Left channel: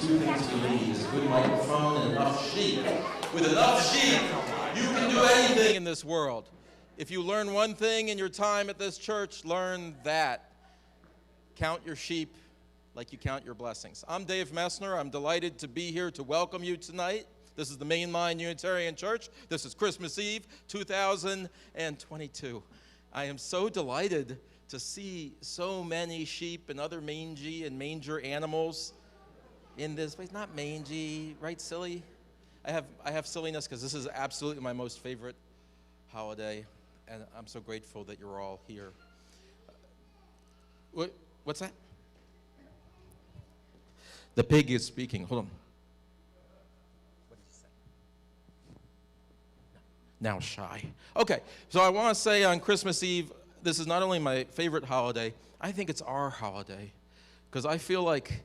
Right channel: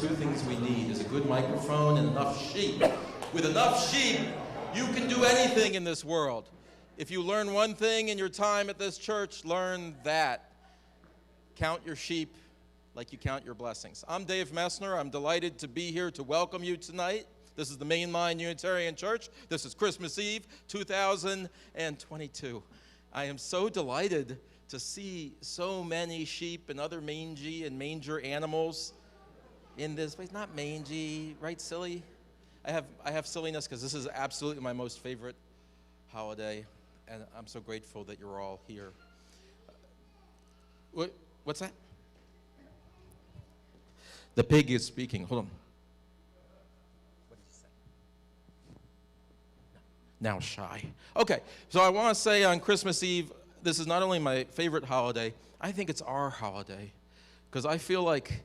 two things we need is a good microphone and enough sheep. With enough sheep, you can do anything in this world. If you learn one thing in your time at this church, learn that. Count your sheep like you count your blessings. I'm Dave Messner. I'm delighted to be here to welcome you tonight. This is the Mainline Unitarian Church. This is Christmas Eve, 2022. I am so delighted to see so many sheep and other mangy and manger animals in this place. Not mangy, right, silly? I have silliness because this is absolutely my most favorite holiday, and I'm so grateful that you're all here. What's that? The pig is speaking. Hold on. What did you say? Now shy. Okay, so I want to say on Christmas Eve, this is not only my favorite holiday, I think it's our holiday, because I feel like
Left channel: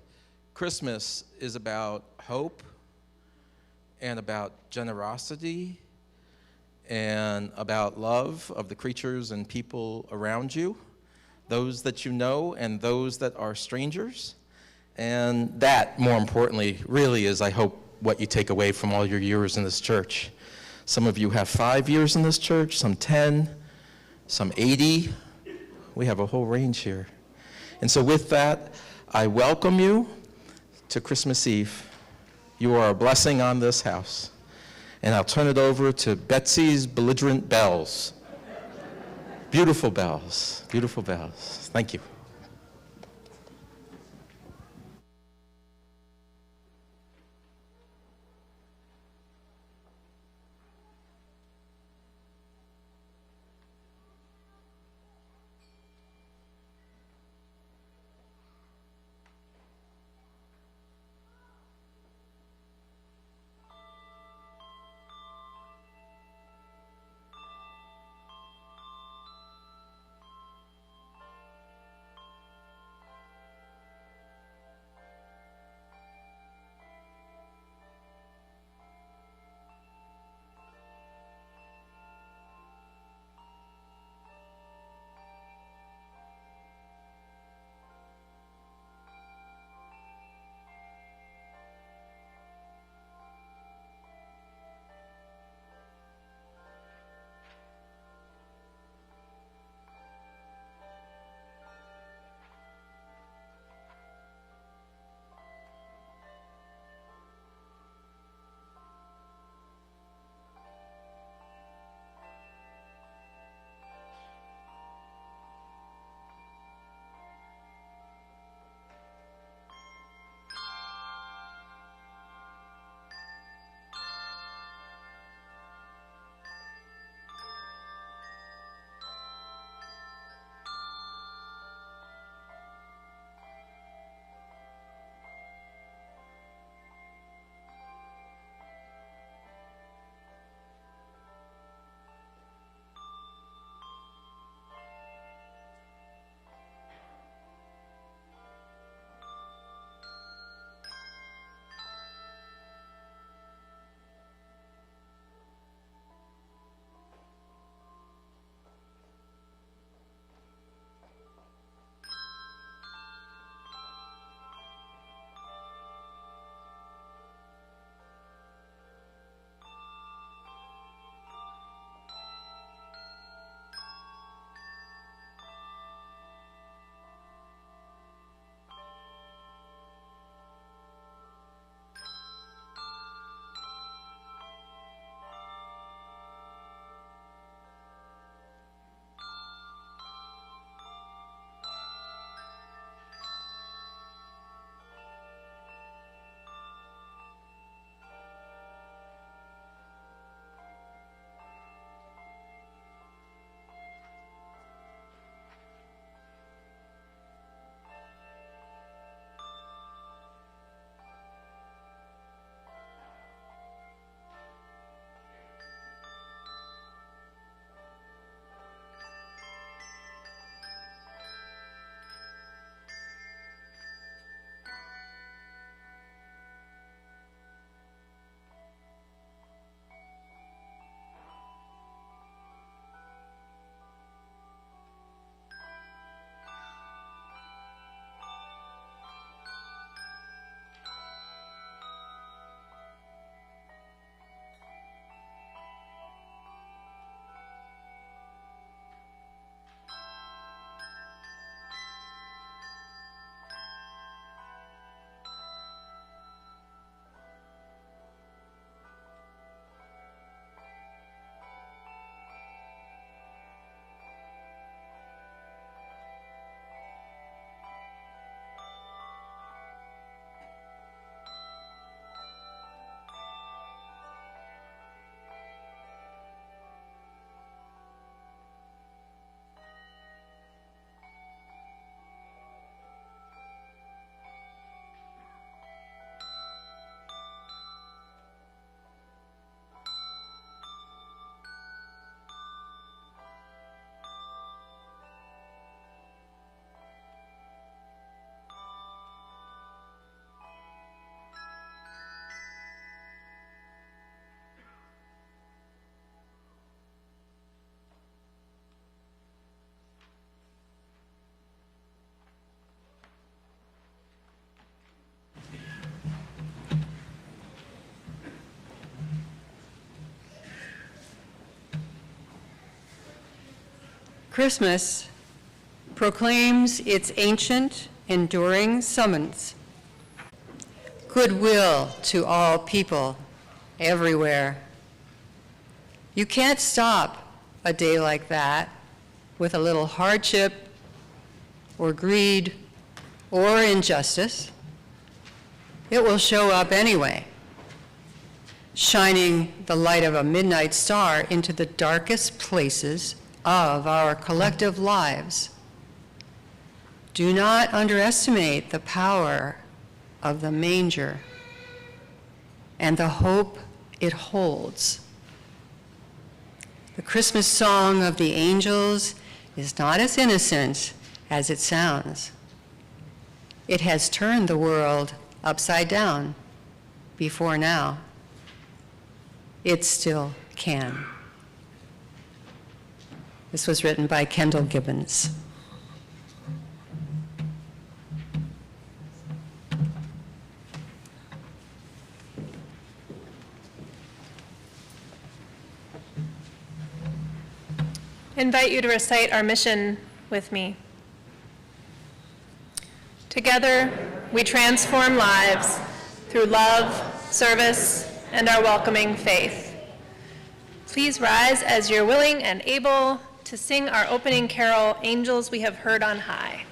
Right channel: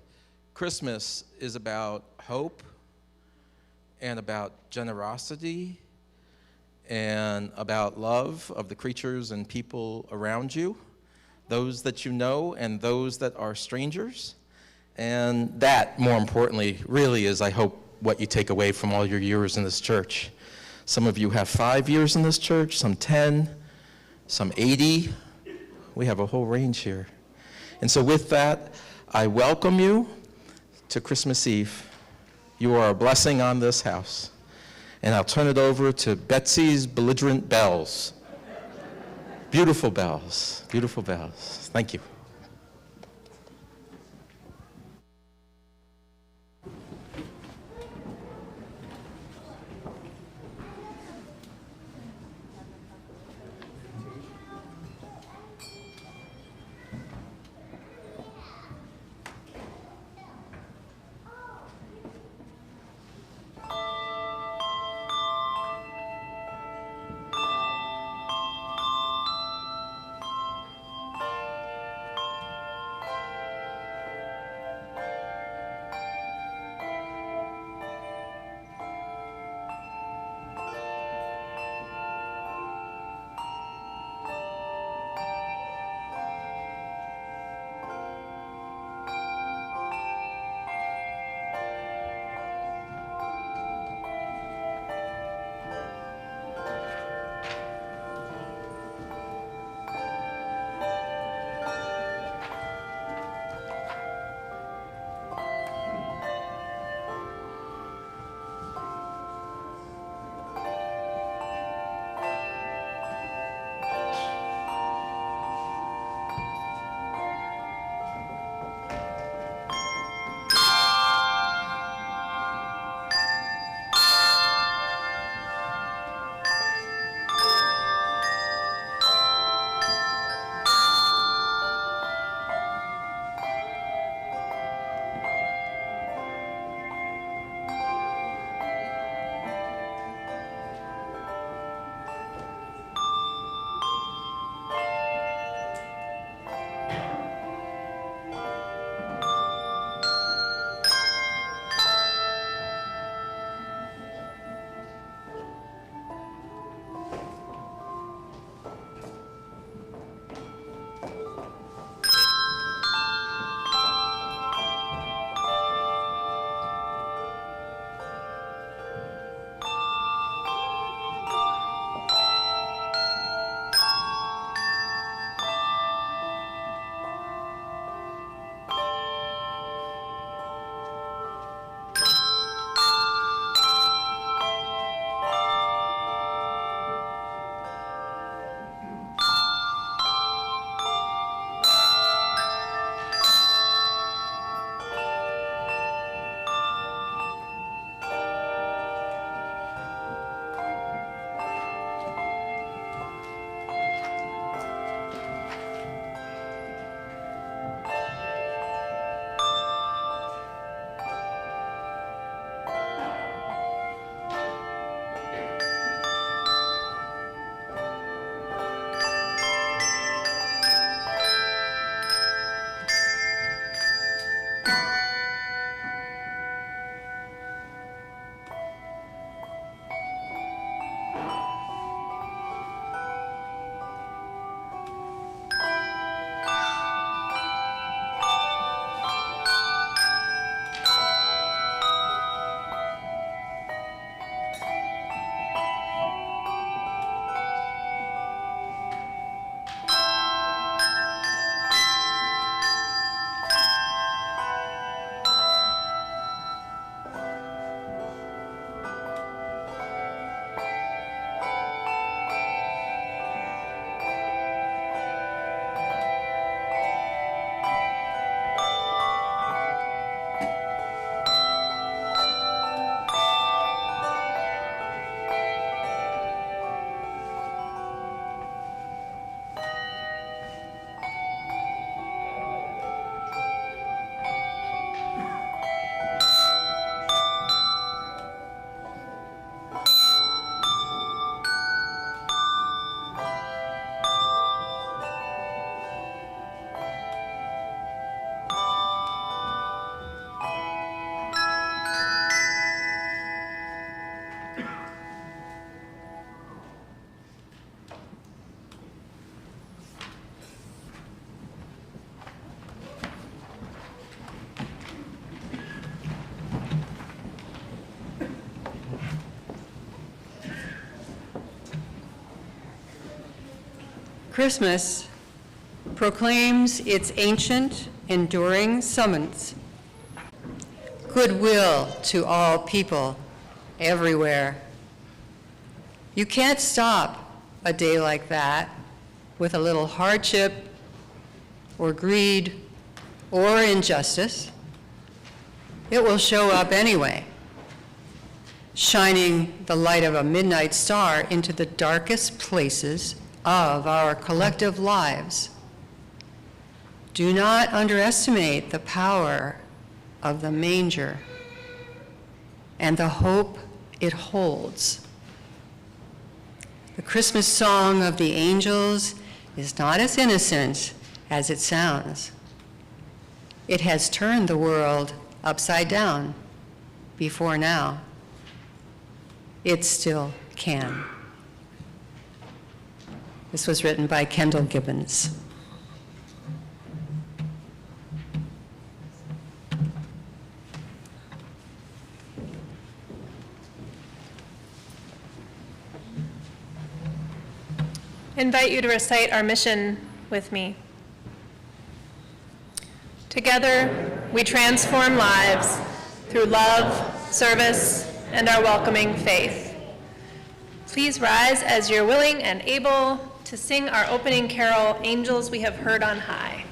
Christmas is about hope and about generosity and about love of the creatures and people around you, those that you know and those that are strangers. And that, more importantly, really is, I hope, what you take away from all your years in this church. Some of you have 5 years in this church, some 10, some 80. We have a whole range here. And so with that, I welcome you to Christmas Eve. You are a blessing on this house. And I'll turn it over to Betsy's belligerent bells. Beautiful bells, beautiful bells. Thank you. Christmas proclaims its ancient, enduring summons. Goodwill to all people, everywhere. You can't stop a day like that with a little hardship or greed or injustice. It will show up anyway, shining the light of a midnight star into the darkest places of our collective lives. Do not underestimate the power of the manger and the hope it holds. The Christmas song of the angels is not as innocent as it sounds. It has turned the world upside down before now. It still can. This was written by Kendall Gibbons. I invite you to recite our mission with me. Together, we transform lives through love, service, and our welcoming faith. Please rise as you're willing and able to sing our opening carol, Angels We Have Heard on High.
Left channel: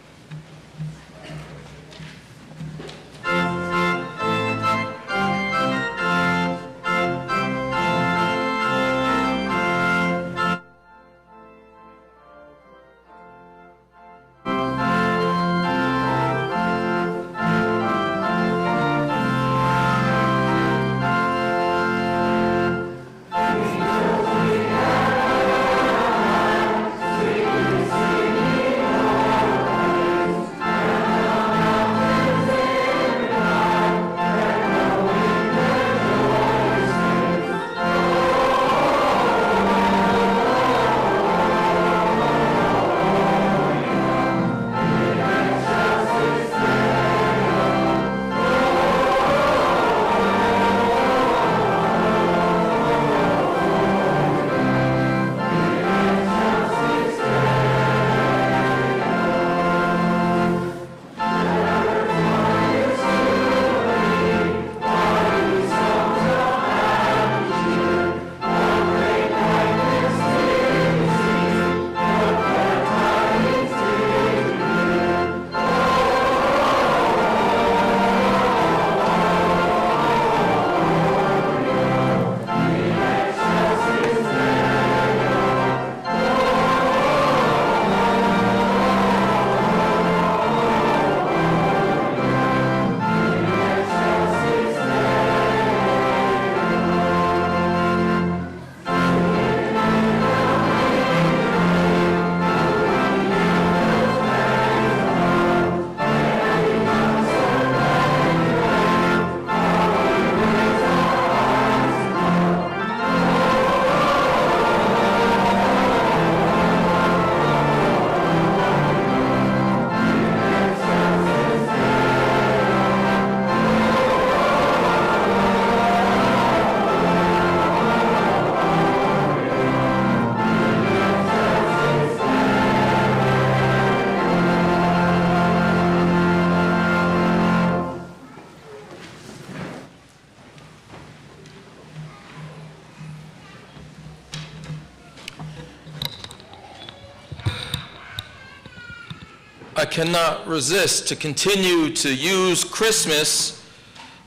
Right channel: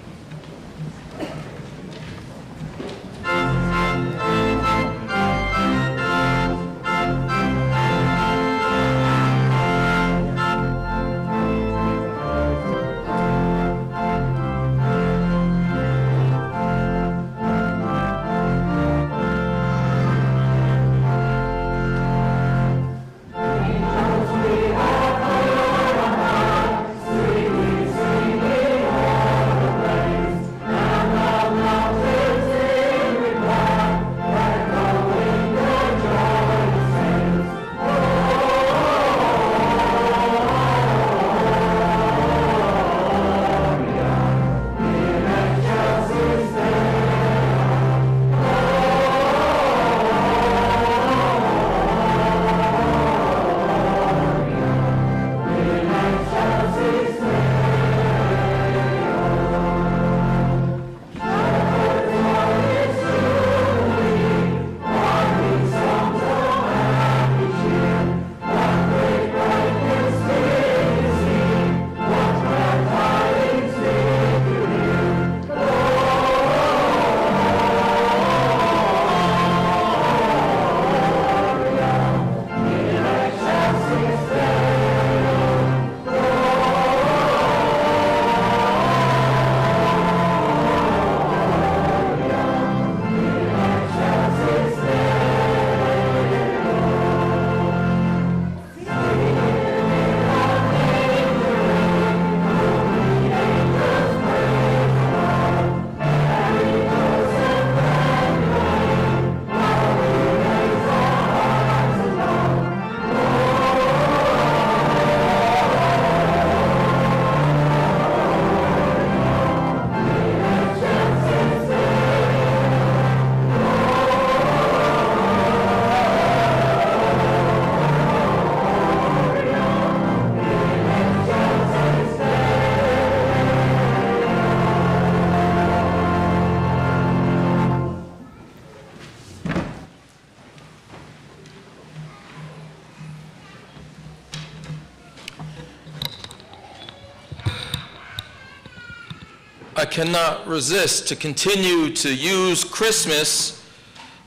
I cannot resist to continue to use Christmas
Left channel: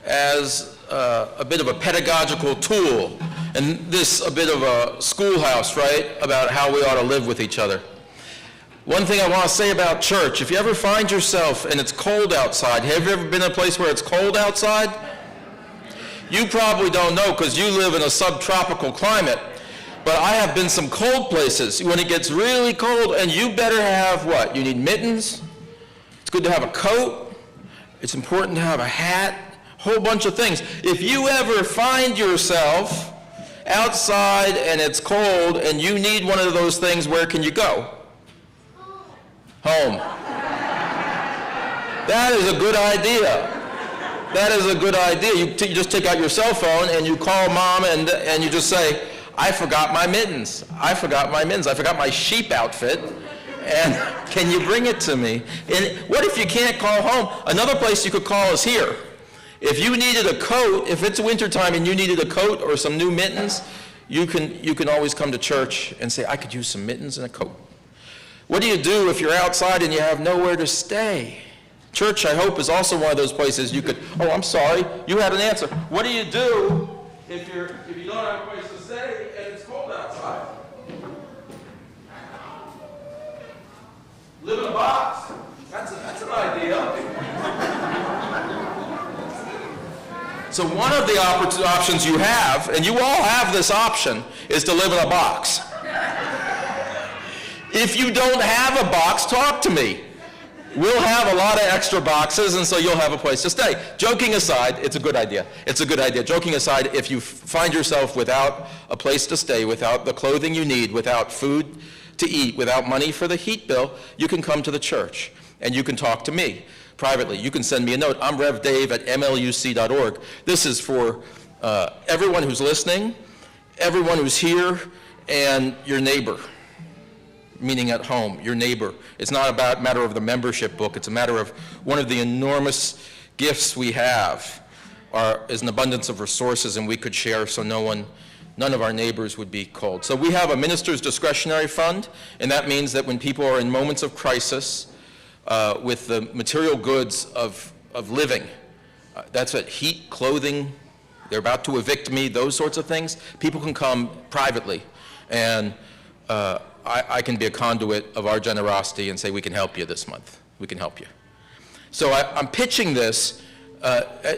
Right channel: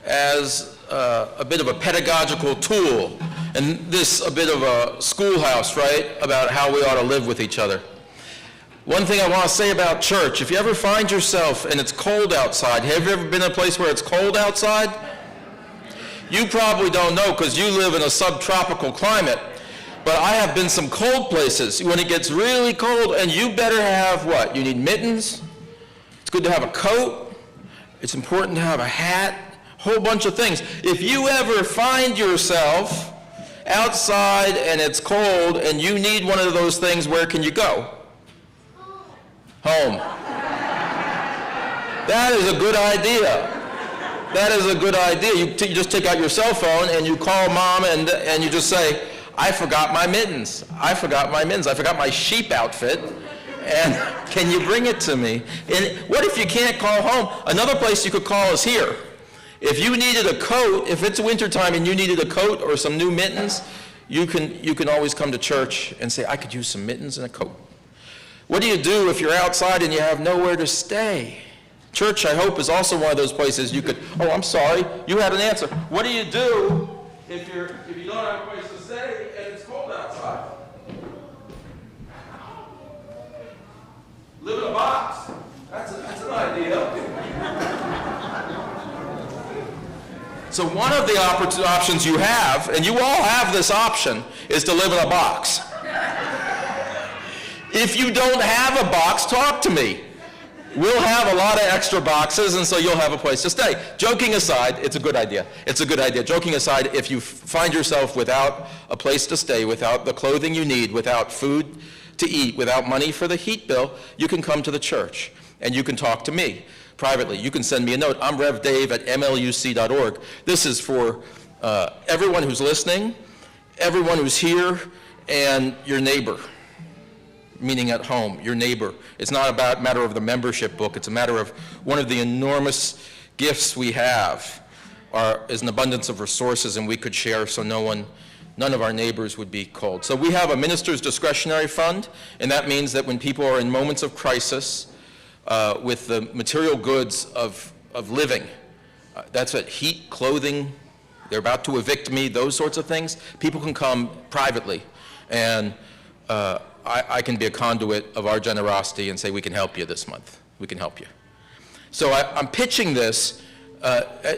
as a bit of a pedagogical tool, and this a bit of a schoolhouse, right, about how we ought to live with each other. One thing I want to say about church, if you ever find yourself and it's cold outside, have you ever been in a place where it's cold outside? You probably don't know because you live in a subtropical climate. But I have been some cold places when it gets really cold, and you better have what? You need mittens. It's good to have a coat. It's important to have a hat. A whole bunch of things. If you ever find yourself outside and it's cold and you need one of those things, where can you go? Home. That is a good idea. That is a good idea. You just take out your cell phone and you call mom and you just say, I forgot my mittens. I forgot my mittens. I forgot my sheep outfit. And can you bring it to me? And what if you can't call home? Another place you could call is here. If you needed a coat, if it's wintertime and you needed a coat or some new mittens, you can always come to church and say, I could use some mittens and a coat. What do you do if you're outside and you have nowhere to stay? Church, I hope, is also one of those places you could, oh, I'm sorry, you had an answer. What do you do if you don't have a place to stay and it's cold outside? Live in a box. That's an idea. So one of the options you have, and you all have this option, is to live in a box. If you don't have a box, talk to me. We'll have a lot of extra boxes, and so you'll have a place to stay. Joking aside, it's a good idea. It's a good idea. Joking aside, if you find yourself without a place to stay, without the clothing you need, without food to eat, without money for the heat bill, you can come to the church, and you can talk to me privately. You can send me a note. I'm revdave@mluc.org. This is for everyone who's listening, everyone who's here, and your neighbor, meaning at home, your neighbor. It's not about matter of the membership book. It's a matter of one of the enormous gifts we have is an abundance of resources, and we could share so none of our neighbors would be cold. So we have a minister's discretionary fund, and that means that when people are in moments of crisis with the material goods of living, that's it, heat, clothing, they're about to evict me, those sorts of things, people can come privately. And I can be a conduit of our generosity and say, we can help you this month. We can help you. So I'm pitching this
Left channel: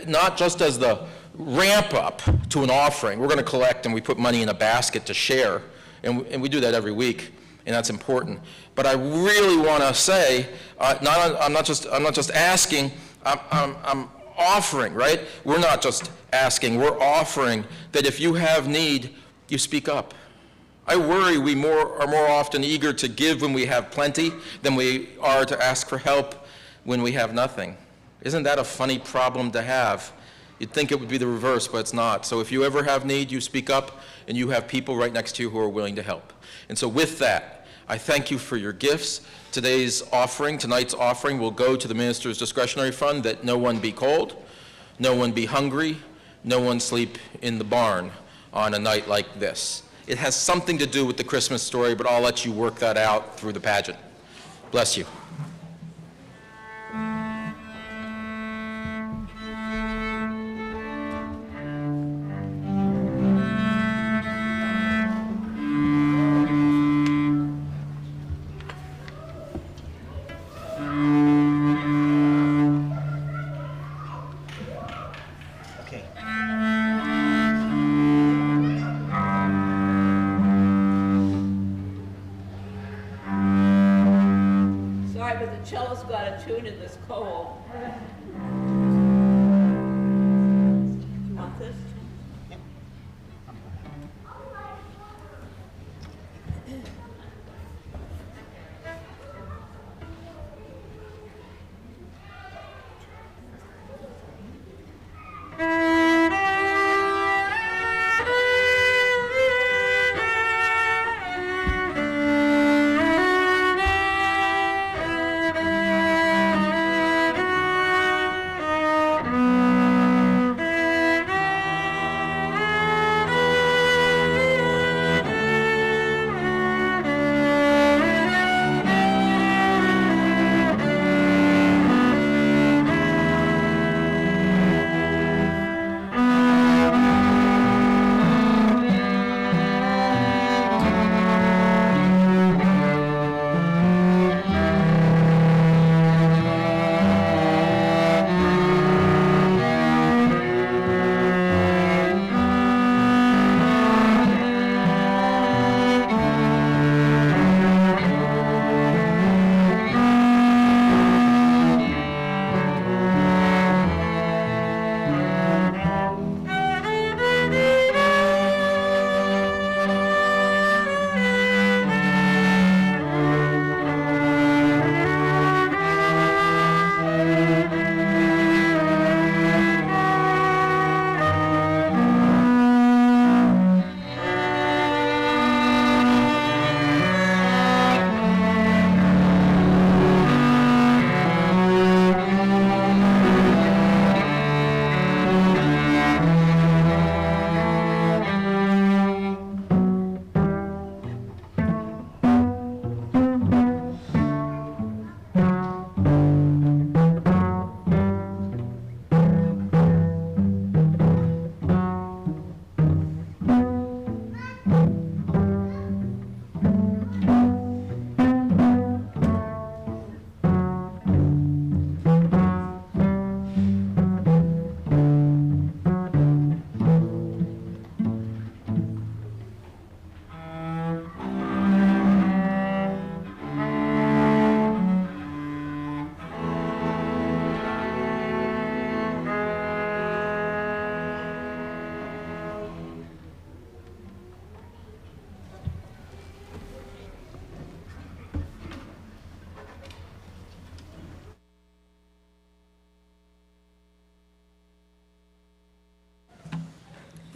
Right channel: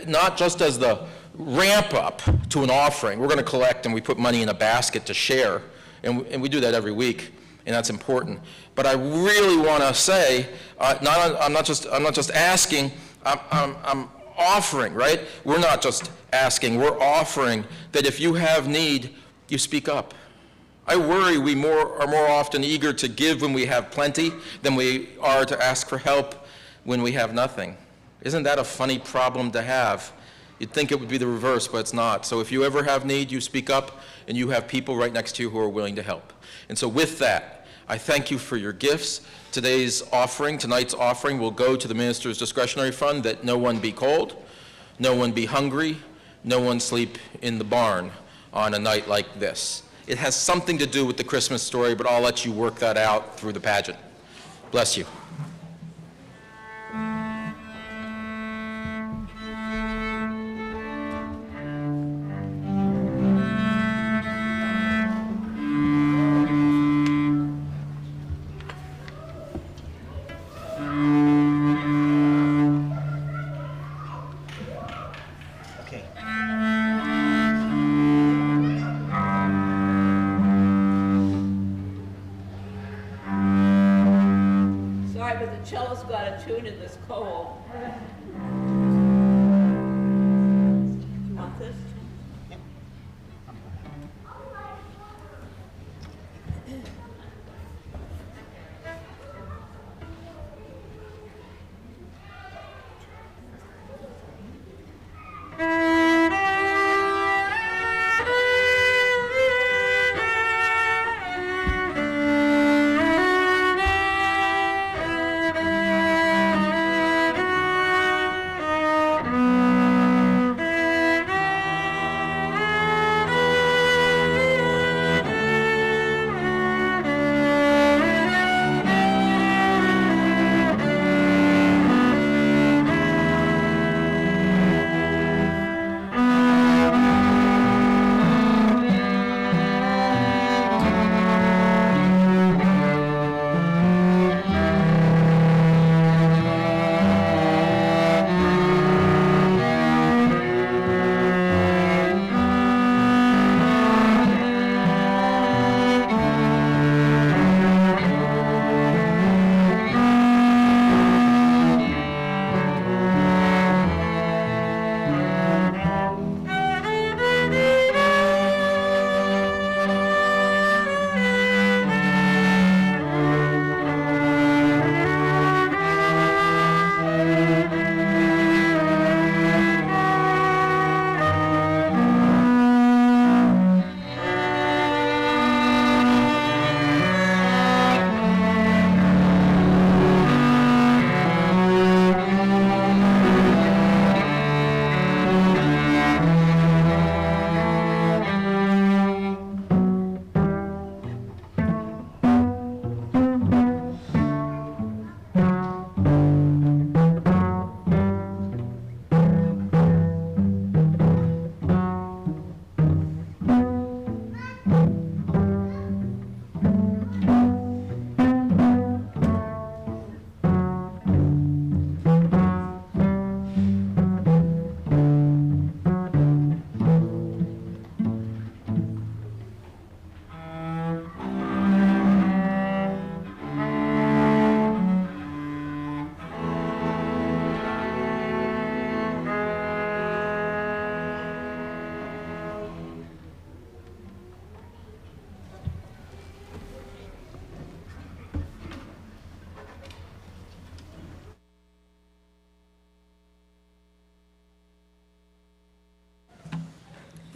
not just as the ramp up to an offering. We're going to collect and we put money in a basket to share, and we do that every week, and that's important. But I really want to say, I'm not just asking, I'm offering, right? We're not just asking, we're offering that if you have need, you speak up. I worry we are more often eager to give when we have plenty than we are to ask for help when we have nothing. Isn't that a funny problem to have? You'd think it would be the reverse, but it's not. So if you ever have need, you speak up, and you have people right next to you who are willing to help. And so with that, I thank you for your gifts. Tonight's offering will go to the minister's discretionary fund, that no one be cold, no one be hungry, no one sleep in the barn on a night like this. It has something to do with the Christmas story, but I'll let you work that out through the pageant. Bless you. Cello's got a tune in this cold. You want this?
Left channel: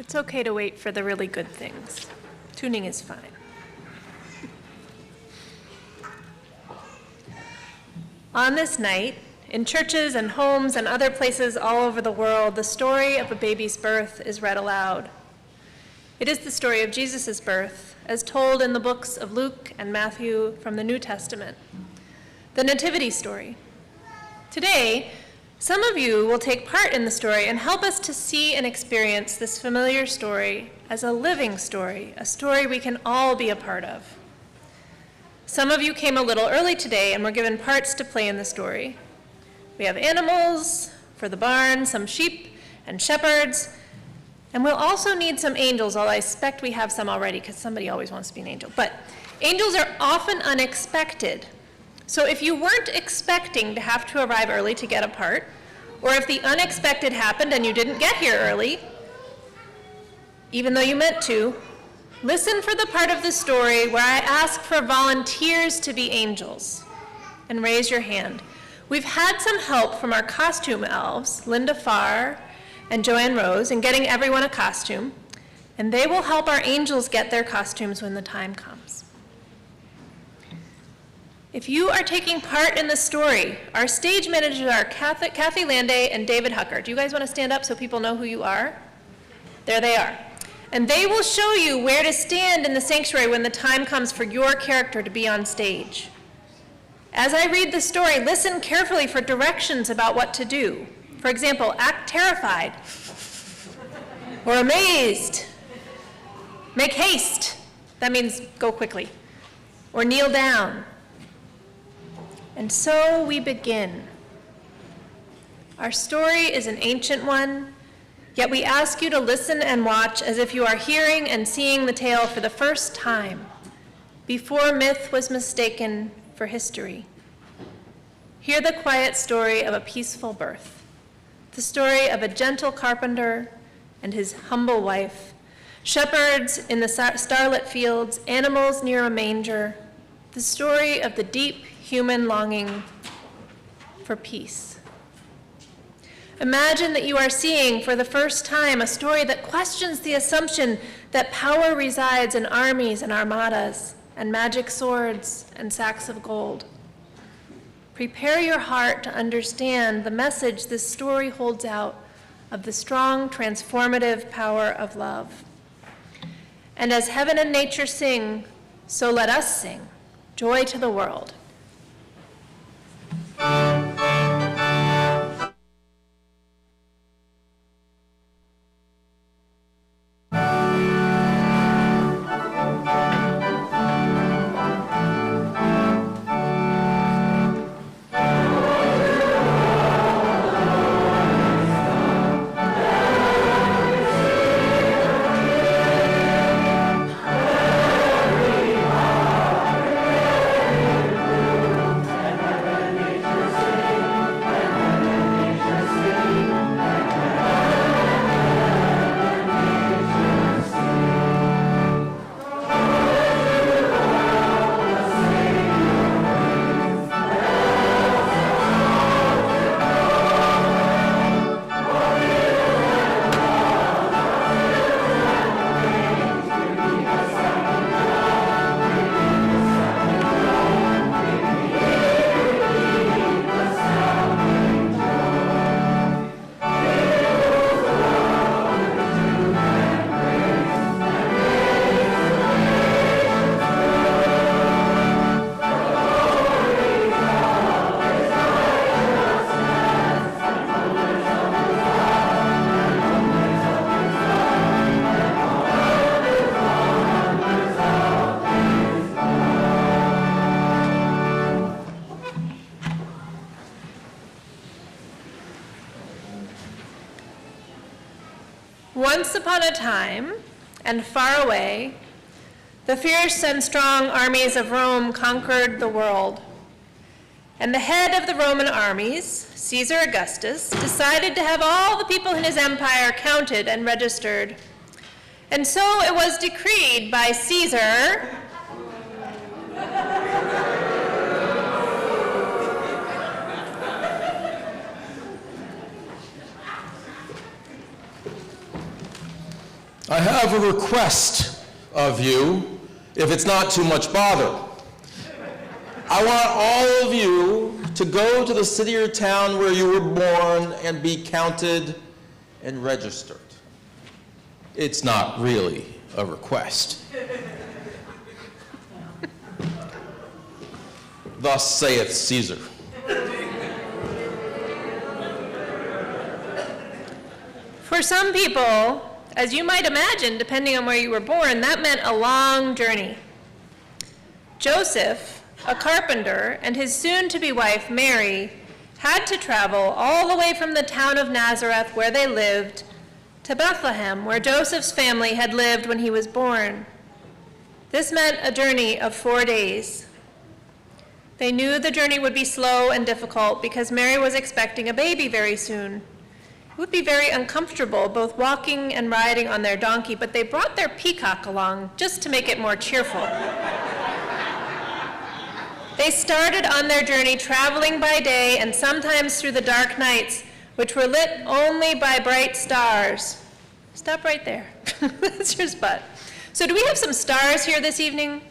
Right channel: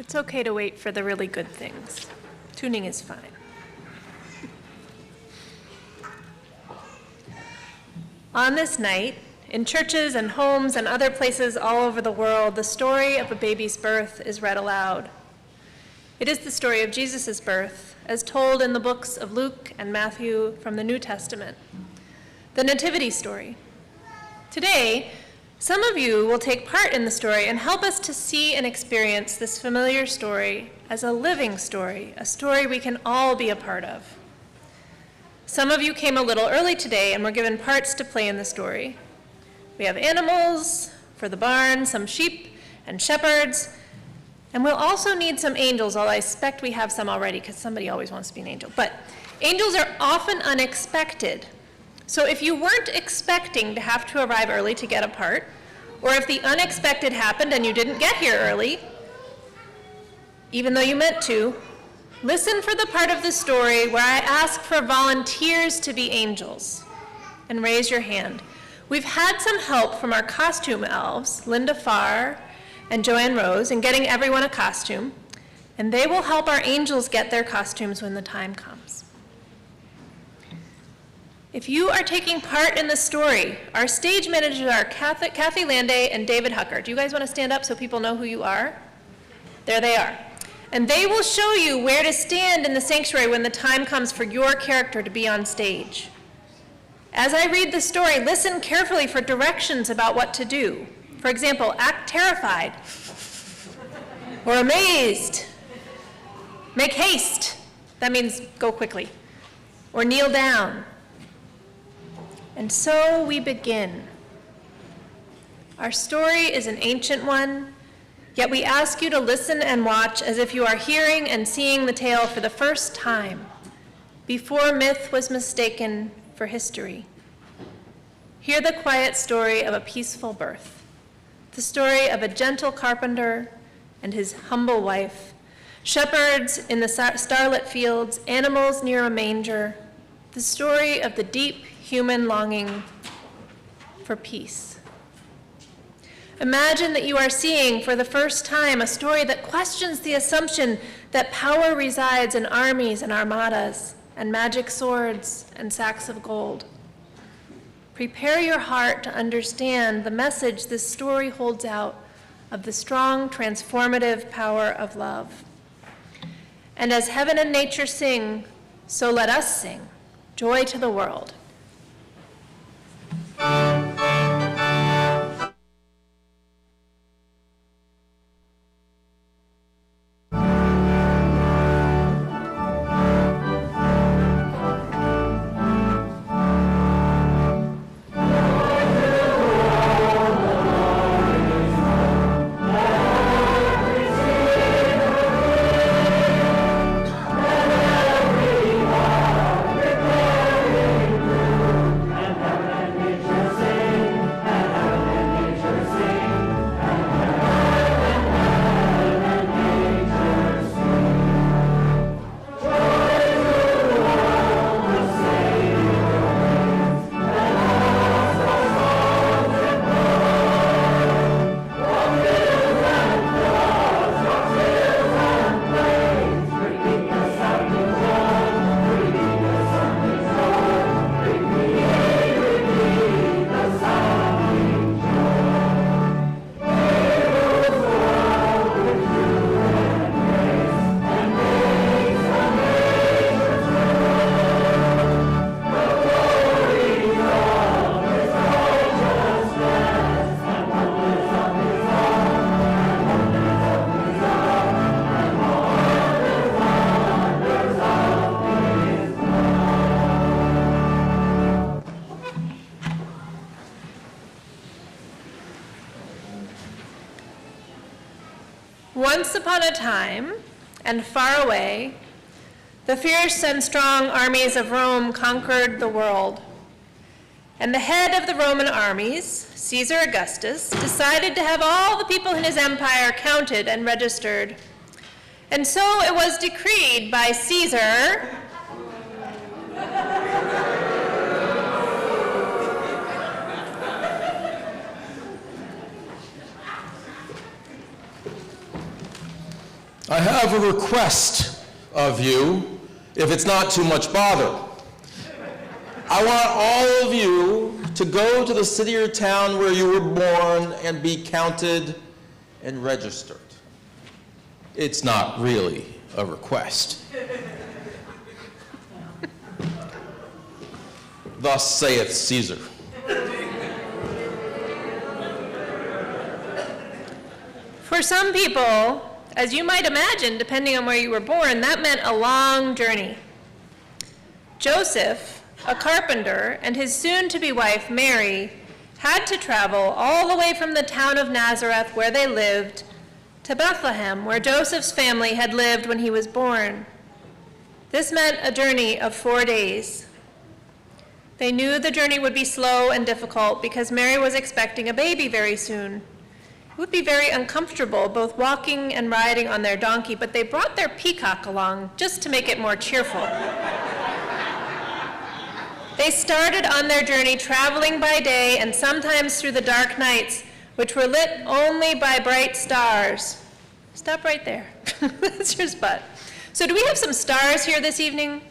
It's okay to wait for the really good things. Tuning is fine. On this night, in churches and homes and other places all over the world, the story of a baby's birth is read aloud. It is the story of Jesus' birth, as told in the books of Luke and Matthew from the New Testament, the Nativity story. Today, some of you will take part in the story and help us to see and experience this familiar story as a living story, a story we can all be a part of. Some of you came a little early today and were given parts to play in the story. We have animals for the barn, some sheep and shepherds, and we'll also need some angels, although I expect we have some already because somebody always wants to be an angel. But angels are often unexpected. So if you weren't expecting to have to arrive early to get a part, or if the unexpected happened and you didn't get here early, even though you meant to, listen for the part of the story where I ask for volunteers to be angels, and raise your hand. We've had some help from our costume elves, Linda Farr and Joanne Rose, in getting everyone a costume, and they will help our angels get their costumes when the time comes. If you are taking part in the story, our stage managers are Kathy Landay and David Hucker. Do you guys want to stand up so people know who you are? There they are. And they will show you where to stand in the sanctuary when the time comes for your character to be on stage. As I read the story, listen carefully for directions about what to do. For example, act terrified or amazed. Make haste. That means go quickly. Or kneel down. And so we begin. Our story is an ancient one, yet we ask you to listen and watch as if you are hearing and seeing the tale for the first time, before myth was mistaken for history. Hear the quiet story of a peaceful birth, the story of a gentle carpenter and his humble wife, shepherds in the starlit fields, animals near a manger, the story of the deep human longing for peace. Imagine that you are seeing for the first time a story that questions the assumption that power resides in armies and armadas and magic swords and sacks of gold. Prepare your heart to understand the message this story holds out of the strong, transformative power of love. And as heaven and nature sing, so let us sing, joy to the world. Once upon a time, and far away, the fierce and strong armies of Rome conquered the world. And the head of the Roman armies, Caesar Augustus, decided to have all the people in his empire counted and registered. And so it was decreed by Caesar I have a request of you, if it's not too much bother. I want all of you to go to the city or town where you were born and be counted and registered. It's not really a request. Thus saith Caesar. For some people, as you might imagine, depending on where you were born, that meant a long journey. Joseph, a carpenter, and his soon-to-be wife, Mary, had to travel all the way from the town of Nazareth, where they lived, to Bethlehem, where Joseph's family had lived when he was born. This meant a journey of 4 days. They knew the journey would be slow and difficult because Mary was expecting a baby very soon. It would be very uncomfortable, both walking and riding on their donkey, but they brought their peacock along just to make it more cheerful. They started on their journey traveling by day and sometimes through the dark nights, which were lit only by bright stars. Stop right there. That's your spot. So do we have some stars here this evening?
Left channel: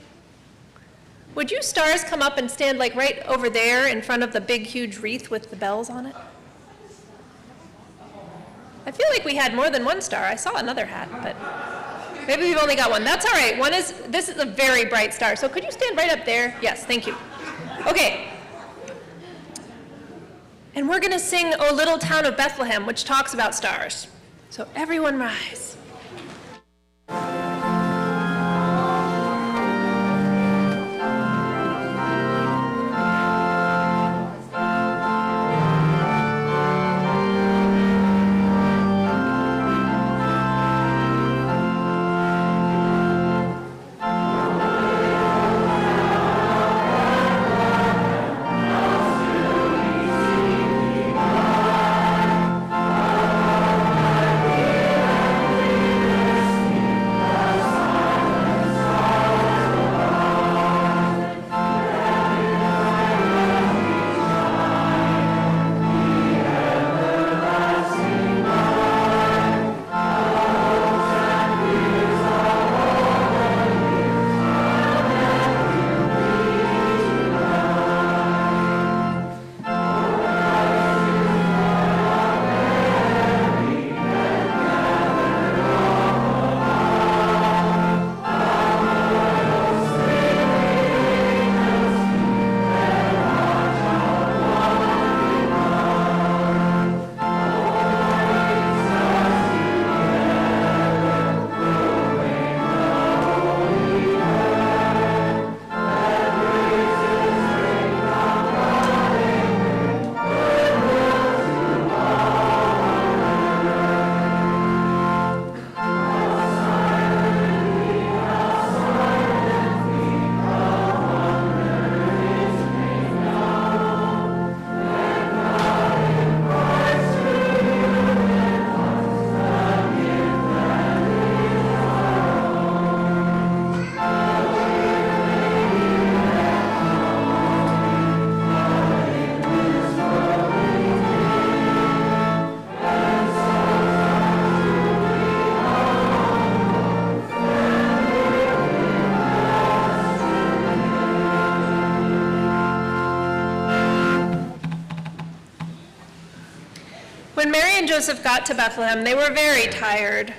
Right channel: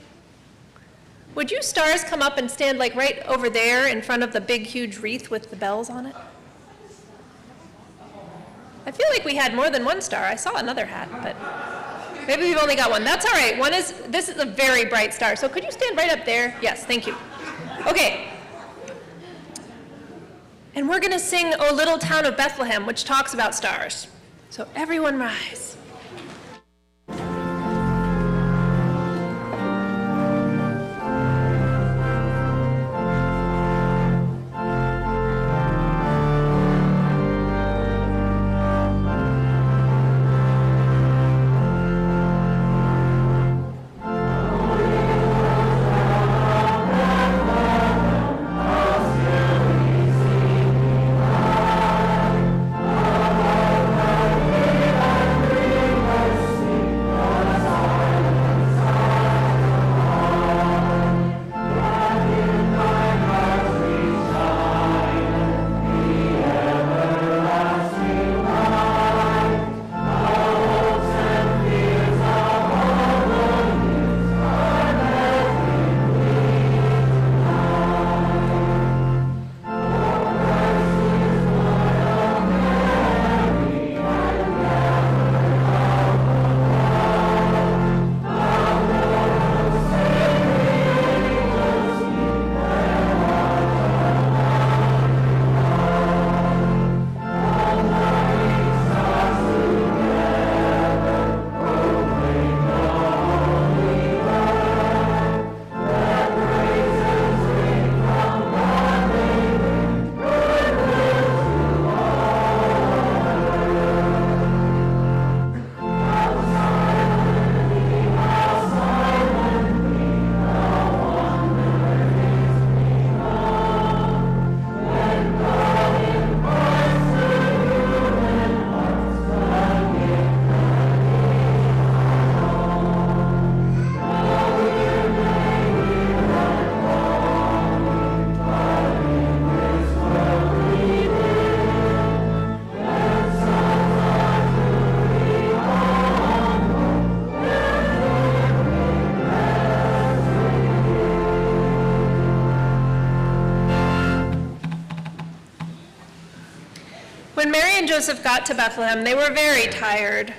Would you stars come up and stand like right over there in front of the big, huge wreath with the bells on it? I feel like we had more than one star. I saw another hat, but maybe we've only got one. That's all right. This is a very bright star. So could you stand right up there? Yes, thank you. Okay. And we're going to sing O Little Town of Bethlehem, which talks about stars. So everyone rise. When Mary and Joseph got to Bethlehem, they were very tired.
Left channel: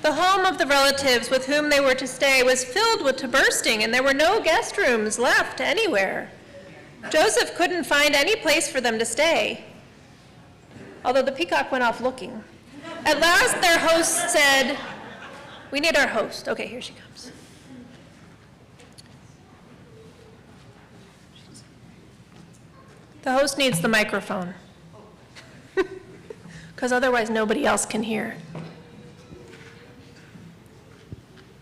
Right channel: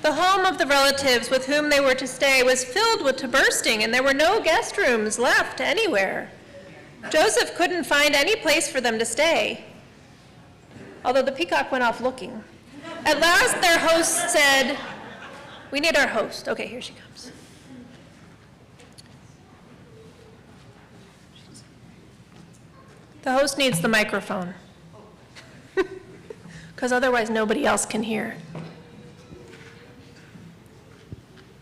The home of the relatives with whom they were to stay was filled to bursting, and there were no guest rooms left anywhere. Joseph couldn't find any place for them to stay, although the peacock went off looking. At last, their host said, "We need our host." Okay, here she comes. The host needs the microphone, because otherwise nobody else can hear.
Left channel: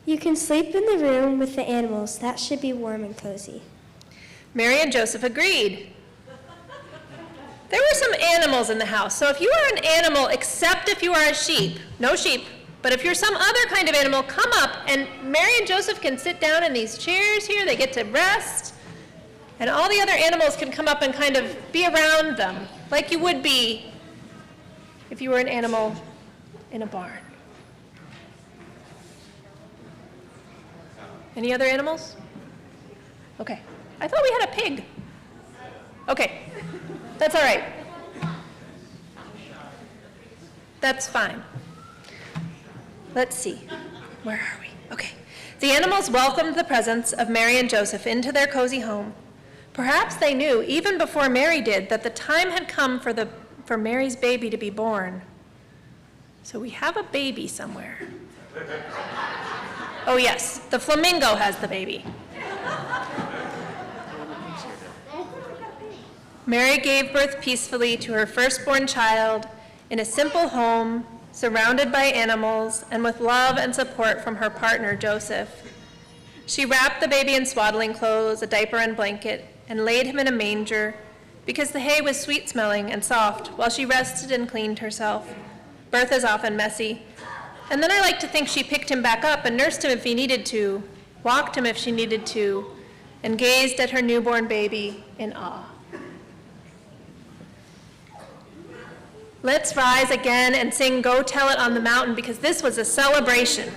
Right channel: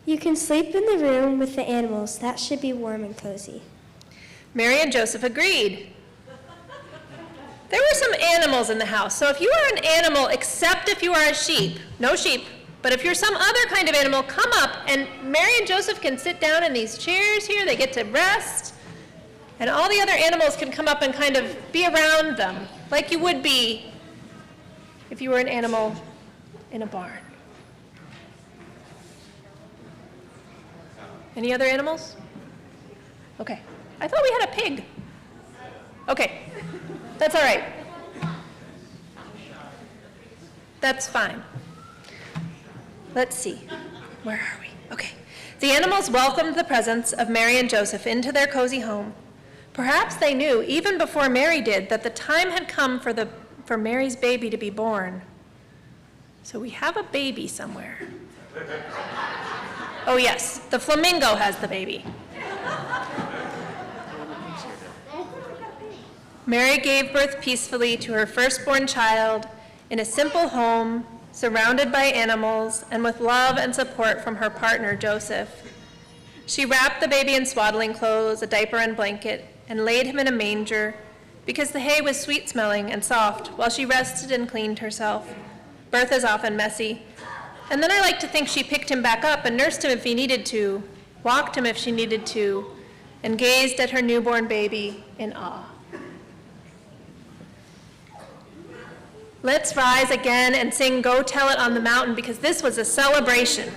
You can sleep in the room with the animals. That should be warm and cozy. Mary and Joseph agreed. There were some animals in the house, so if you are an animal, except if you are a sheep, no sheep, but if you're some other kind of animal, come up, and Mary and Joseph can sit down in these chairs here. They get to rest, and all the other animals can come up and kind of be around them, like you would be if you were an animal in a barn. Any other animals? Okay. I thought we had a pig. Okay. That's all right. That's fine. Let's see. Where are we? Okay. The animals welcomed the presence of Mary and Joseph into their cozy home. Perhaps they knew, even before Mary did, that the time had come for Mary's baby to be born. So we have a baby somewhere. Oh yes, the flamingo has the baby. Mary gave birth peacefully to her firstborn child in a simple home, surrounded by animals, and with love and support from her partner, Joseph. She wrapped the baby in swaddling clothes, a diaper and blanket, and laid him in a manger, because the hay was sweet-smelling and soft, while she rested and cleaned herself. Birth is often messy. And then I like to think she picked him back up and nursed him if he needed to, walked him if she needed to, and gazed at her newborn baby in awe. Let's rise again and sing Go Tell It on the Mountain, because this was a celebration.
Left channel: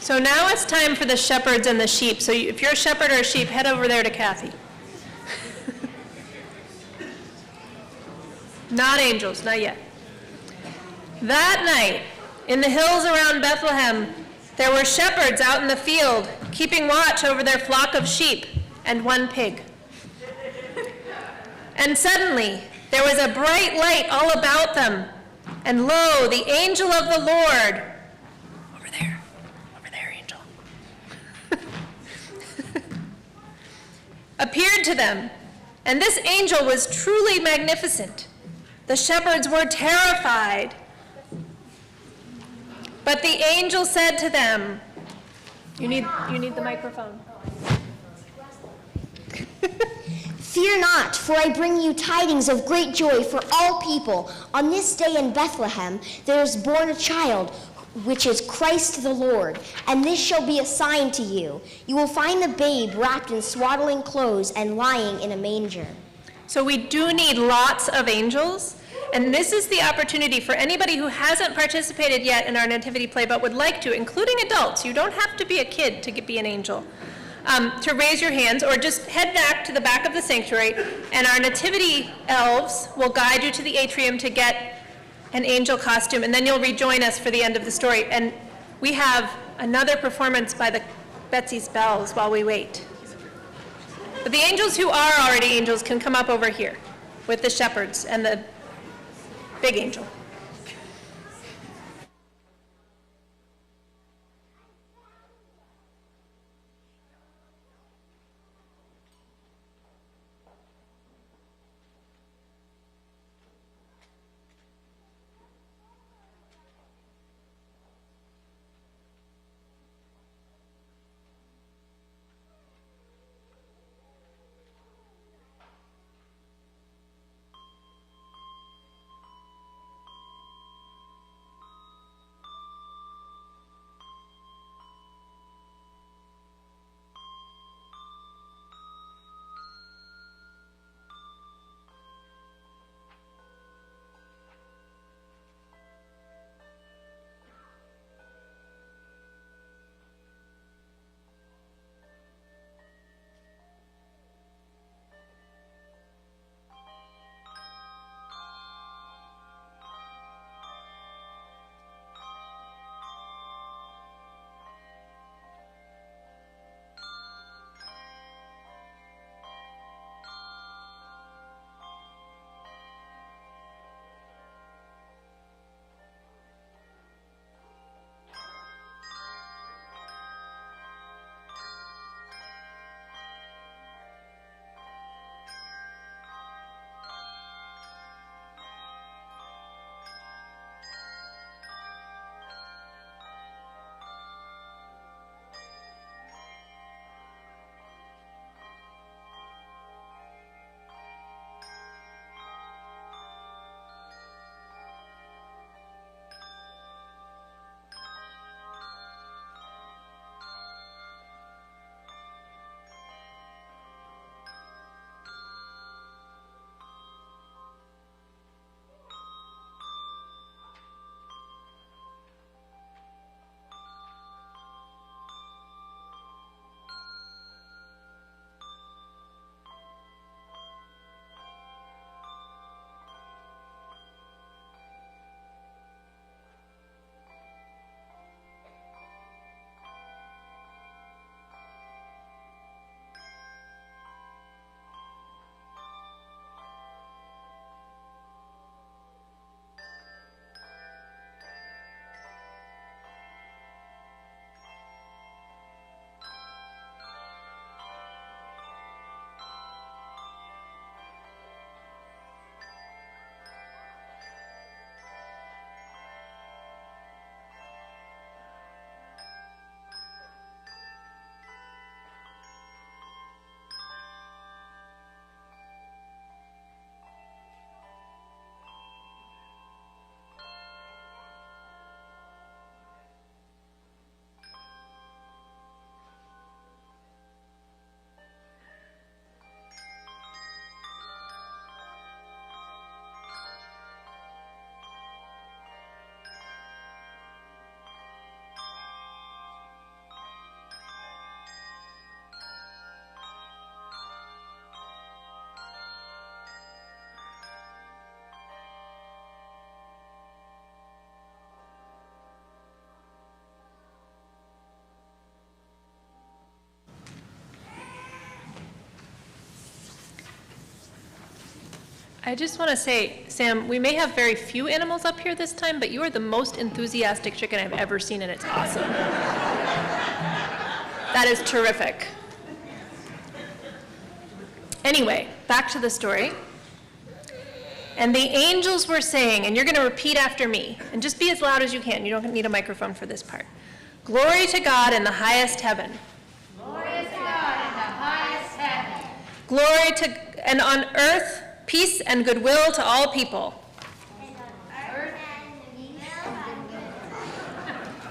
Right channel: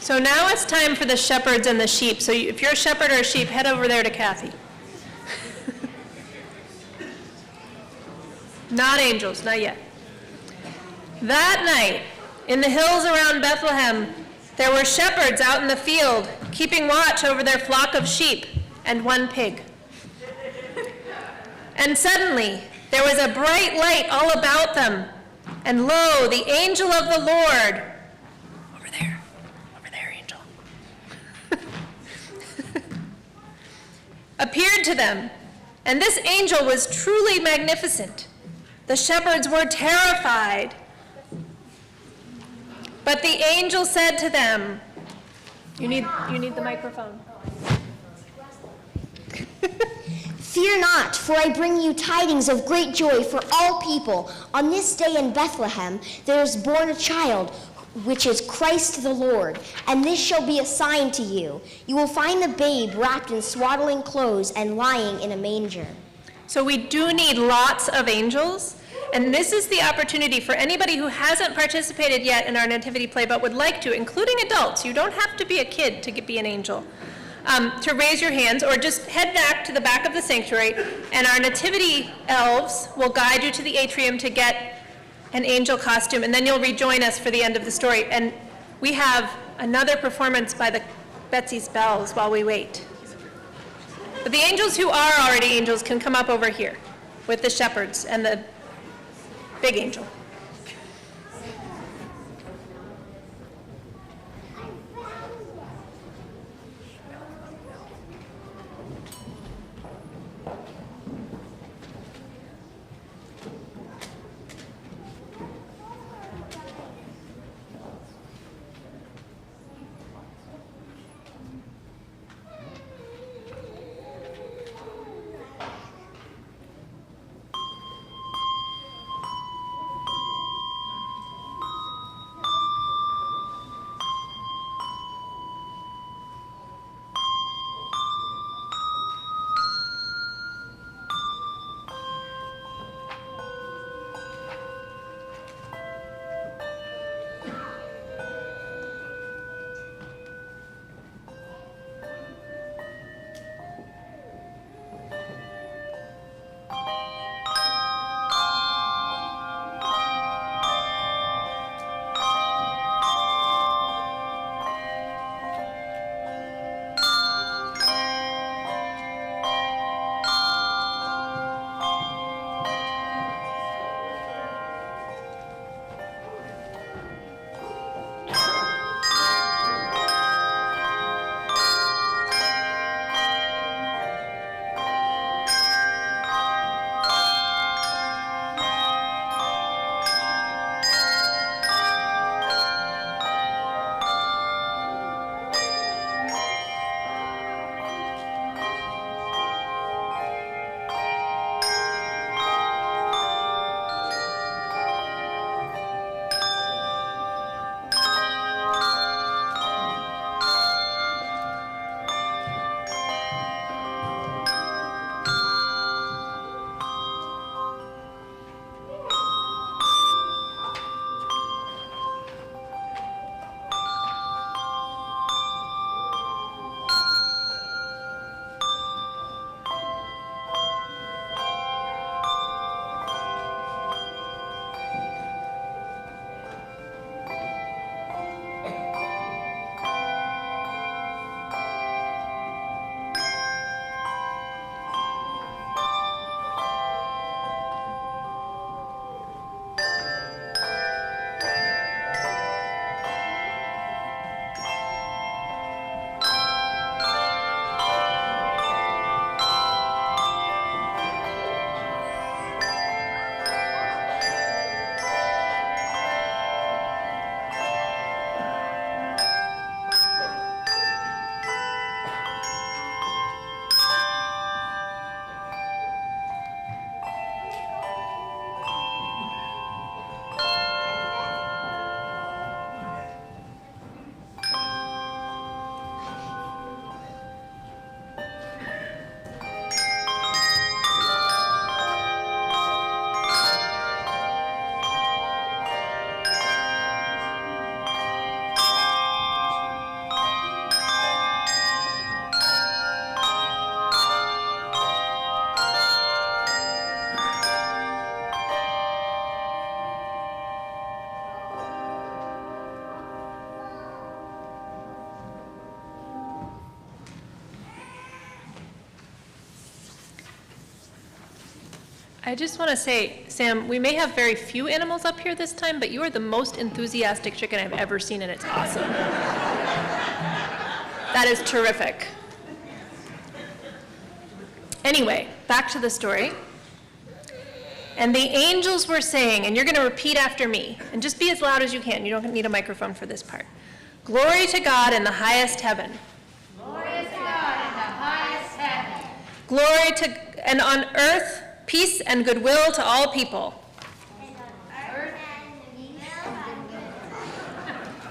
So now it's time for the shepherds and the sheep. So if you're a shepherd or a sheep, head over there to Kathy. Not angels, not yet. That night, in the hills around Bethlehem, there were shepherds out in the field, keeping watch over their flock of sheep and one pig. And suddenly, there was a bright light all about them, and lo, the angel of the Lord, over there, angel, appeared to them, and this angel was truly magnificent. The shepherds were terrified. But the angel said to them, you need the microphone. Fear not, for I bring you tidings of great joy for all people. On this day in Bethlehem there is born a child, which is Christ the Lord. And this shall be a sign to you. You will find the babe wrapped in swaddling clothes and lying in a manger. So we do need lots of angels. And this is the opportunity for anybody who hasn't participated yet in our nativity play but would like to, including adults. You don't have to be a kid to be an angel. To raise your hands, or just head back to the back of the sanctuary, and our nativity elves will guide you to the atrium to get an angel costume, and then you'll rejoin us for the end of the story. And we have another performance by the Betsy's Bells while we wait. But the angels who are already angels can come up over here with the shepherds and the big angel. I just want to say, Sam, we may have very few animals up here this time, but you are the most enthusiastic chicken I've ever seen, and it's awesome. That is terrific. Anyway, back to the story. And the angels were saying, and you're going to repeat after me, and just be as loud as you can. You don't need a microphone for this part. Glory to God in the highest heaven. Glory to God in the highest heaven. Glory to, and on earth, peace and goodwill to all people.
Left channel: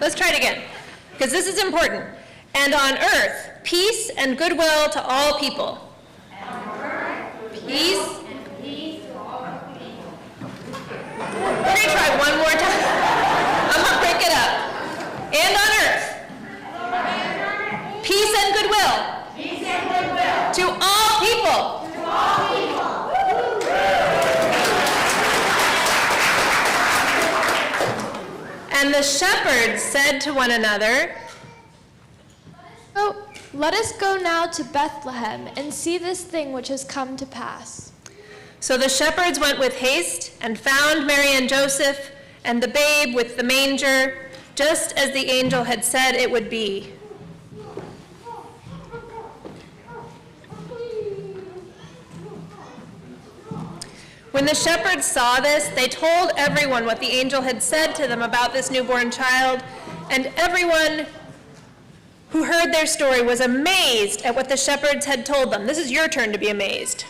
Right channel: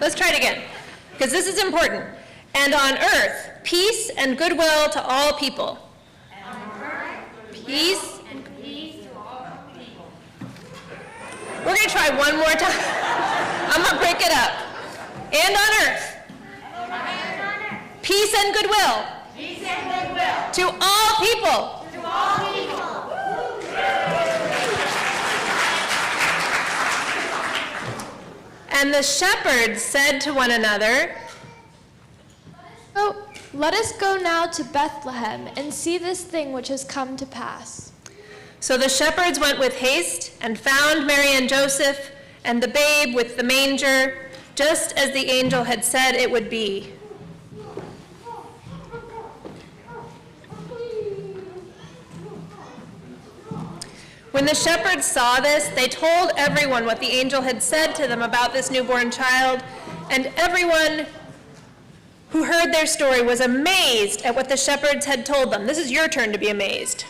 Let's try it again, because this is important. And on earth, peace and goodwill to all people. Peace. We're going to try one more time. I'm going to break it up. And on earth, peace and goodwill. Peace and goodwill. To all people. To all people. And the shepherds said to one another, Oh, let us go now to Bethlehem and see this thing which has come to pass. So the shepherds went with haste and found Mary and Joseph and the babe with the manger, just as the angel had said it would be. When the shepherds saw this, they told everyone what the angel had said to them about this newborn child, and everyone who heard their story was amazed at what the shepherds had told them. This is your turn to be amazed.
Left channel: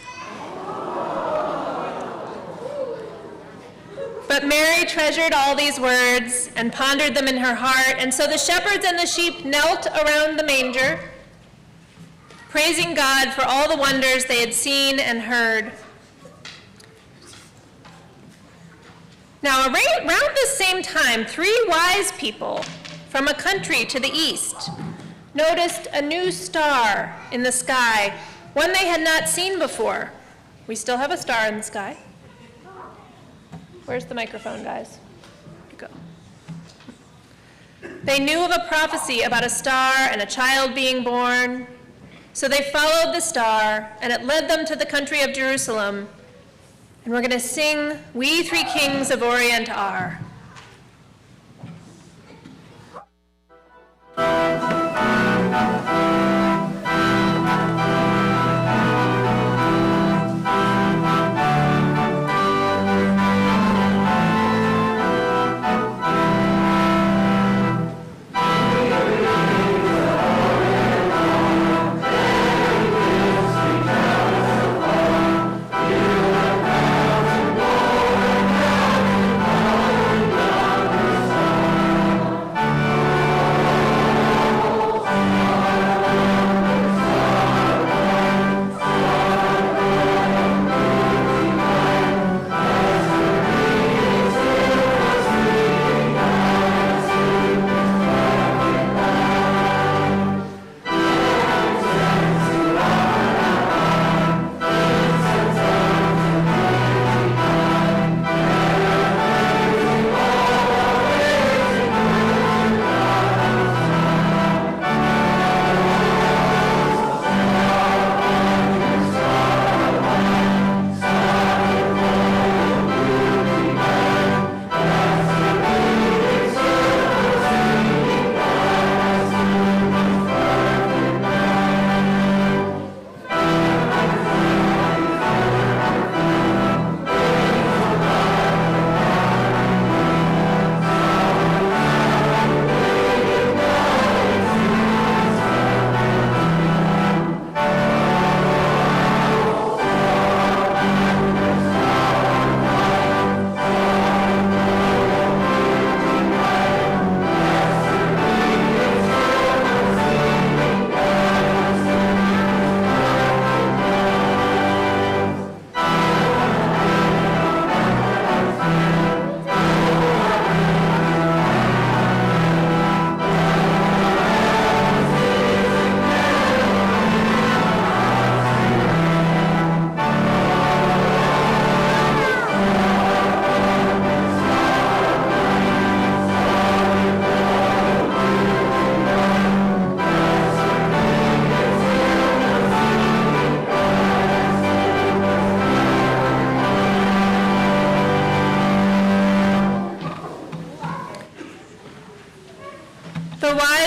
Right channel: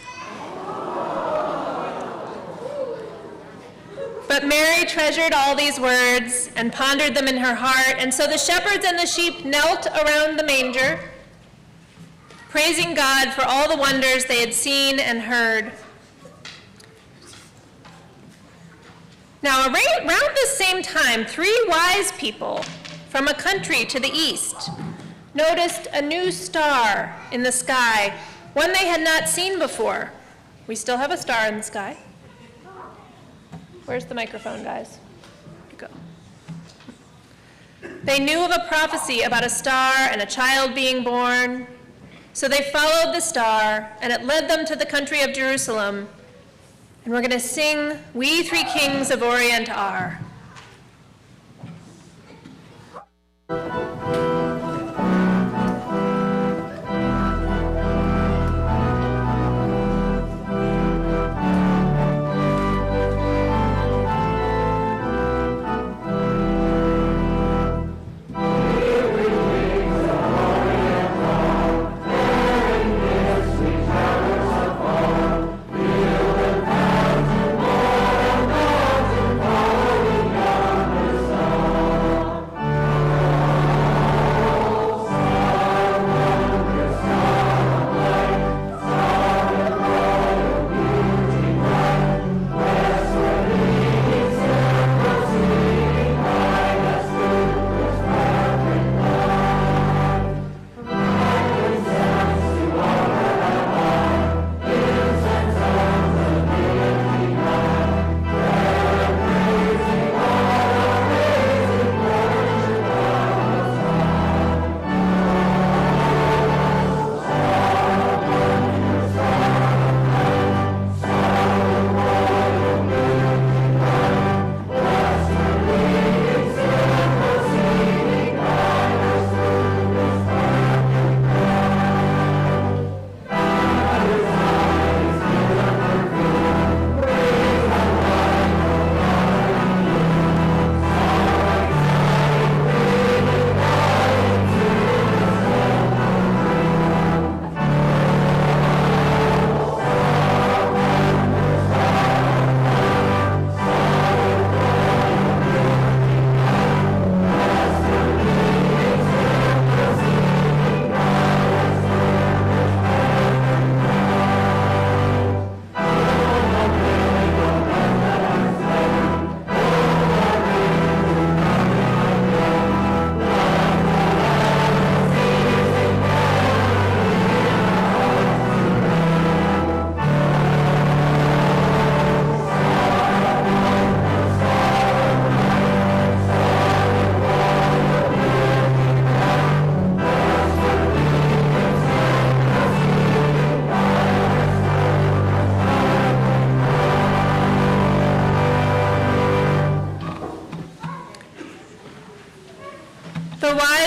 But Mary treasured all these words and pondered them in her heart, and so the shepherds and the sheep knelt around the manger, praising God for all the wonders they had seen and heard. Now, around the same time, 3 wise people from a country to the east noticed a new star in the sky, one they had not seen before. We still have a star in the sky. Where's the microphone, guys? Here you go. They knew of a prophecy about a star and a child being born, so they followed the star, and it led them to the country of Jerusalem. And we're going to sing, "We Three Kings of Orient Are."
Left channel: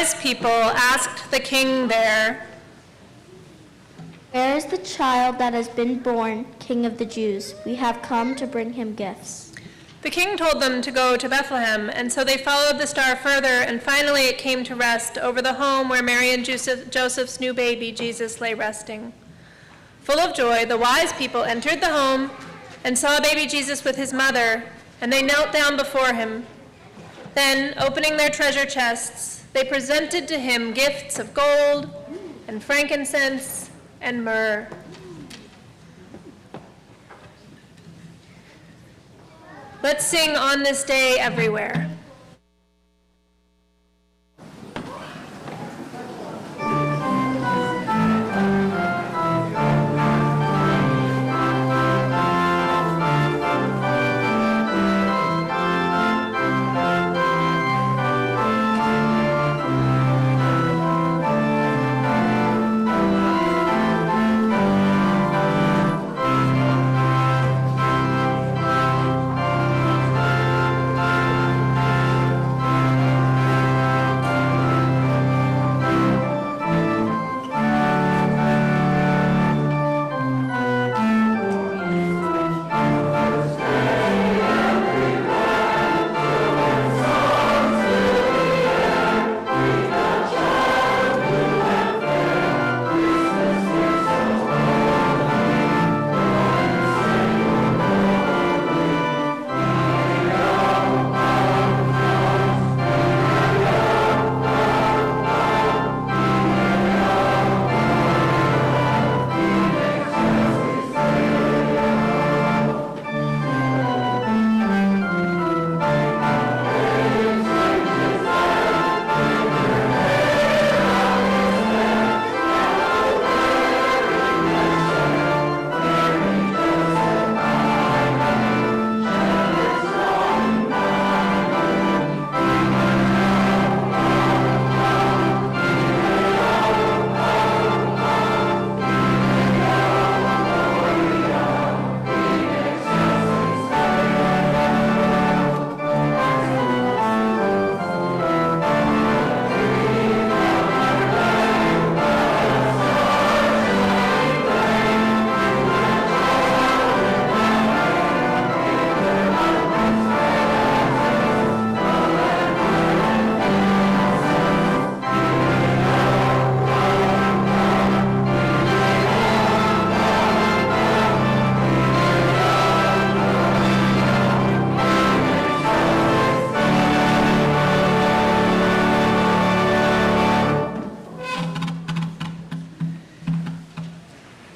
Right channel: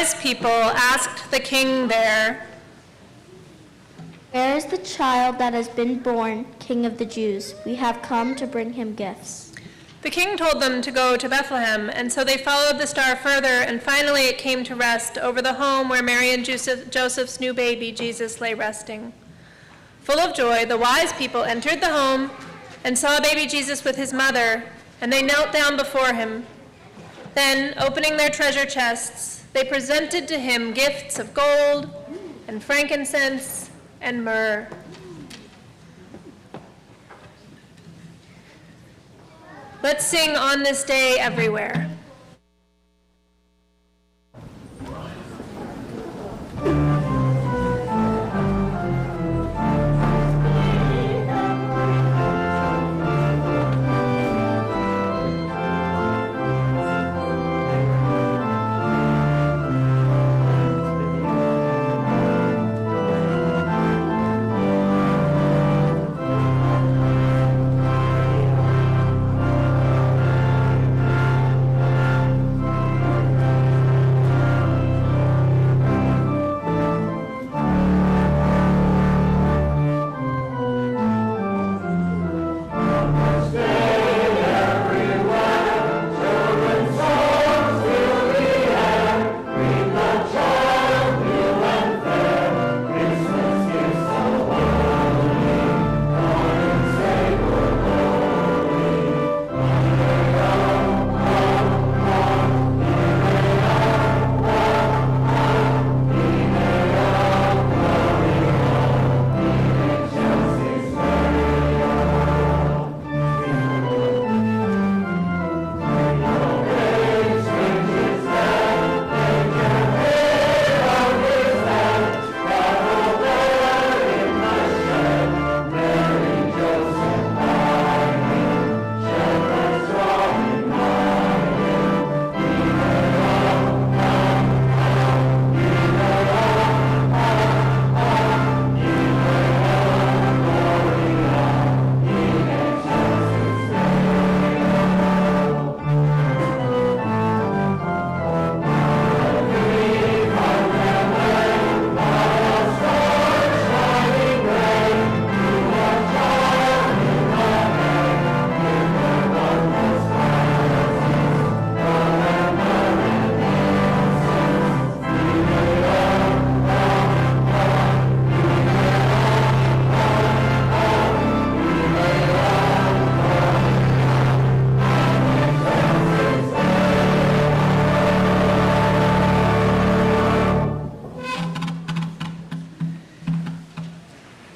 wise people asked the king there, "Where is the child that has been born, King of the Jews? We have come to bring him gifts." The king told them to go to Bethlehem, and so they followed the star further, and finally it came to rest over the home where Mary and Joseph's new baby, Jesus, lay resting. Full of joy, the wise people entered the home and saw baby Jesus with his mother, and they knelt down before him. Then, opening their treasure chests, they presented to him gifts of gold and frankincense and myrrh. Let's sing On This Day Everywhere.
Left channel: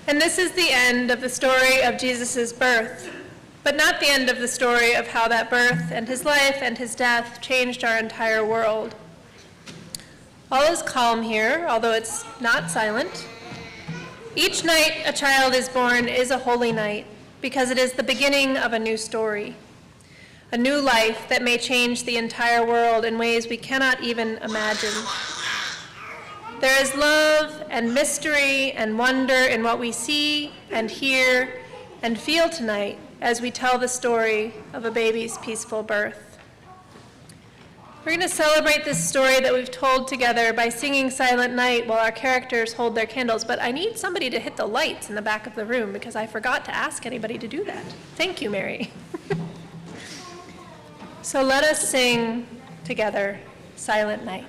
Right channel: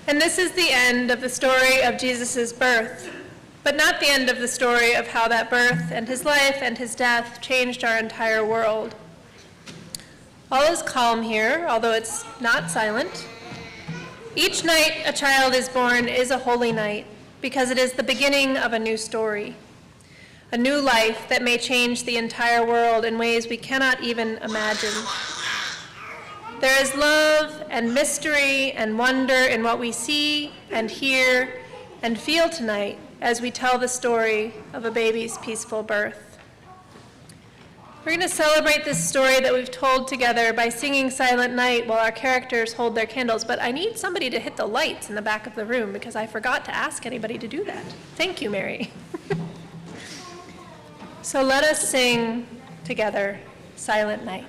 And this is the end of the story of Jesus' birth, but not the end of the story of how that birth and his life and his death changed our entire world. All is calm here, although it's not silent. Each night a child is born is a holy night, because it is the beginning of a new story, a new life that may change the entire world in ways we cannot even imagine. There is love and mystery and wonder in what we see and hear and feel tonight as we tell the story of a baby's peaceful birth. We're going to celebrate this story that we've told together by singing Silent Night while our characters hold their candles, but I need somebody to hit the lights in the back of the room because I forgot to ask anybody to do that. Thank you, Mary. So let us sing together, Silent Night.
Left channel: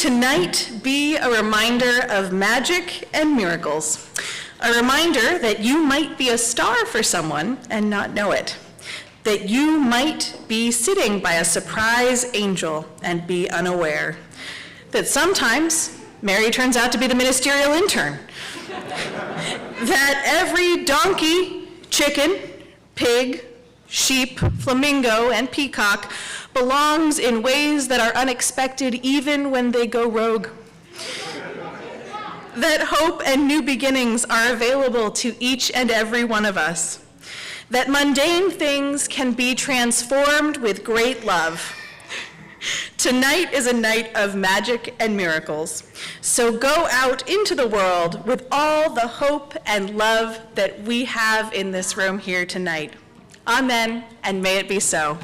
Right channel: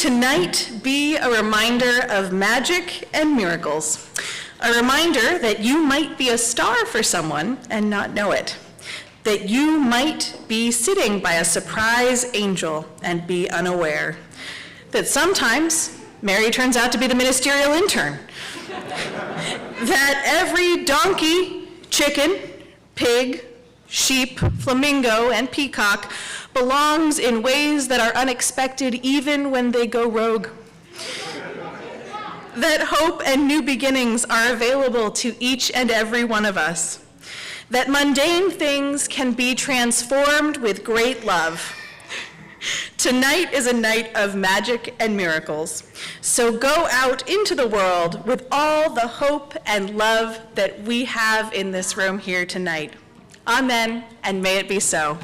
tonight be a reminder of magic and miracles. A reminder that you might be a star for someone and not know it. That you might be sitting by a surprise angel and be unaware. That sometimes Mary turns out to be the ministerial intern. That every donkey, chicken, pig, sheep, flamingo, and peacock belongs in ways that are unexpected even when they go rogue. That hope and new beginnings are available to each and every one of us. That mundane things can be transformed with great love. Tonight is a night of magic and miracles. So go out into the world with all the hope and love that we have in this room here tonight. Amen, and may it be so.